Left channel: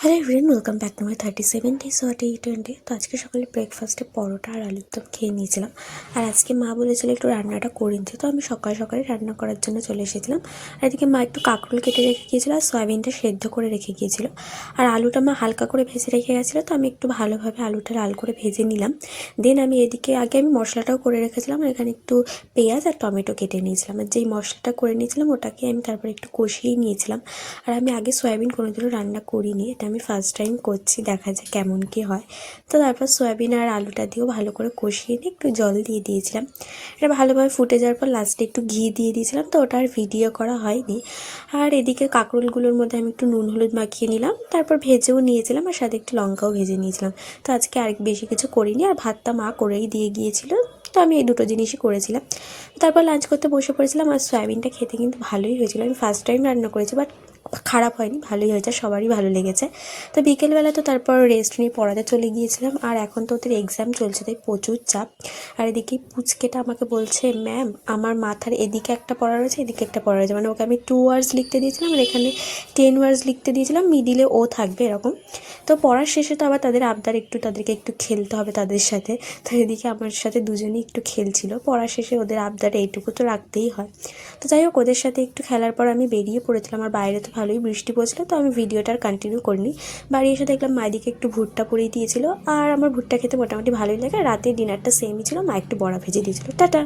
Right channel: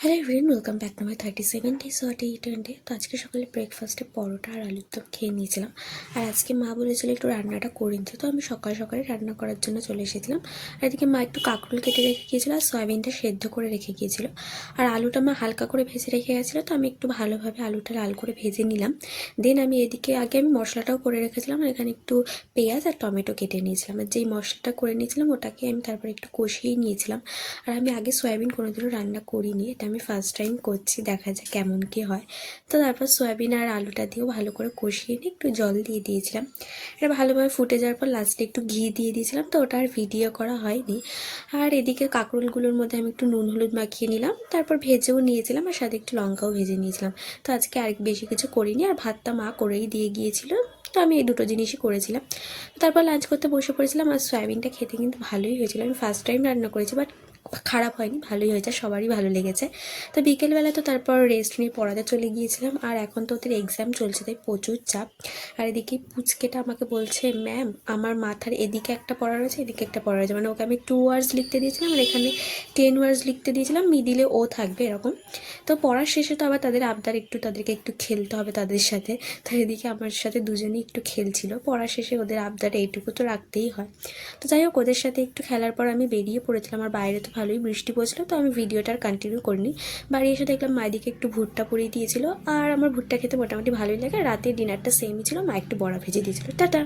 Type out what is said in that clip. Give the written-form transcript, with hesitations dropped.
Hello everyone, welcome back to my 37 days what 820। তো আজকে সকালে ব্রেকফাস্টে পরোটা আর আলুর দম খেয়ে নিয়েছিলাম। আর আজকে মা বলেছিল একটু রান্নাটা করে নিতে, তো আমি সকাল সকালে রান্না করার জন্য চলে এসেছিলাম। আর এদিকে মা একটু কাঁকরোল কেটে রেখে গিয়েছিলো আর সয়াবিনটা সেদ্ধ করে রেখে গিয়েছিলো। আর আলুটা মা হালকা করে ভেজে রেখে গেছিলো, তো আমি একটু ভালোভাবে আলুটা লাল করে ভেজে নিলাম। দেন আমি এদিকে আগে আমি মশলাটাও করে রেখেছিলাম, আর এখানে একটু পেঁয়াজ আর টমেটো কেটে নিয়েছিলাম। আর যেই মশলাটা করে নিয়েছিলাম ওটাকে আমি তারপরে একটু কষিয়েই নিয়েছিলাম। আর আমি আগে সয়াবিন কোনোদিনও রান্না করিনি, এটা আমি ফার্স্ট টাইম করছি, দেখা যাক কেমন কী হয়। তো তারপর সয়াবিন আর আলুটা দিয়েও ভালো করে কষিয়ে নিয়ে একটু জল দিয়ে দিয়েছিলাম। এটা ভালোভাবে ফুটে যাওয়ার পর লাস্টে একটু ঘি দিয়ে দিয়েছিলাম, তো ওটা আর ভিডিও করা হয়নি। আর এদিকে কাঁকরোলগুলোর মধ্যে আমি একটু নুন হলুদ মাখিয়ে নিলাম, তারপর ভেজেও নিয়েছিলাম আর সাথে একটু লঙ্কাও ভেজে নিয়েছিলাম। তো আজকে আরেক বেশি কিছু করিনি, আর ভাতটা মা করেই দিয়ে গিয়েছিল, তো আমি এই দুটো জিনিসই করেছিলাম। তারপর লাঞ্চ করতে বসে পড়েছিলাম। আর সয়াবিনটা খেতে কিন্তু ভালোই হয়েছিল, আমি ফার্স্ট টাইম রান্না করেছি, বাট খারাপ হয়নি, ভালোই হয়েছে, সবারই ভালো লেগেছে। তো বিকেলবেলা তো তারপর রেস্ট নিয়ে পড়াতে চলে গিয়েছিলাম। আর এখন তো ওদের এক্সাম চলছে, তাই প্রচুর চাপ। আর এদিকে পুচকেটা আমাকে বলছে, ম্যাম আমার মাথার এদিকে একটা পড়া রয়েছে, এদিকে একটা পড়া রয়েছে, মানে ওকে আমি 2 ওয়ার্ডস লিখতে দিয়েছিলাম আর এখানে 10 ওয়ার্ডস লিখতে দিয়েছিলাম, মিডিলে ও থাকবে এরকম। তো পড়ার শেষে তো আবার তাদের আবদার, তাদেরকে একটু খেলতে হবে তাদের সাথে। তো এদিকে আমার সাথে দুজনেই একটু খেলছিল। পড়ার শেষে ওদের আবদার এইটুকু তো রাখতেই হয়। তো যাই হোক, ওদের সাথে একটু খেলার পর আমি বেরিয়ে পড়েছিলাম। আর বাইরে তো ভালোই বৃষ্টি পড়ছিল, তো আমি ভিডিওটা আর কন্টিনিউ করিনি। বাড়ি এসে দেখলাম মায়েদিকে একটু ভুট্টা পুড়িয়ে দিয়েছিল, আর আমার ভুট্টা খেতে মোটামুটি ভালোই লাগে। রাতের ডিনারটা সেমই ছিল, মা একটু বড়া ভেজে দিয়েছিল। টাটা।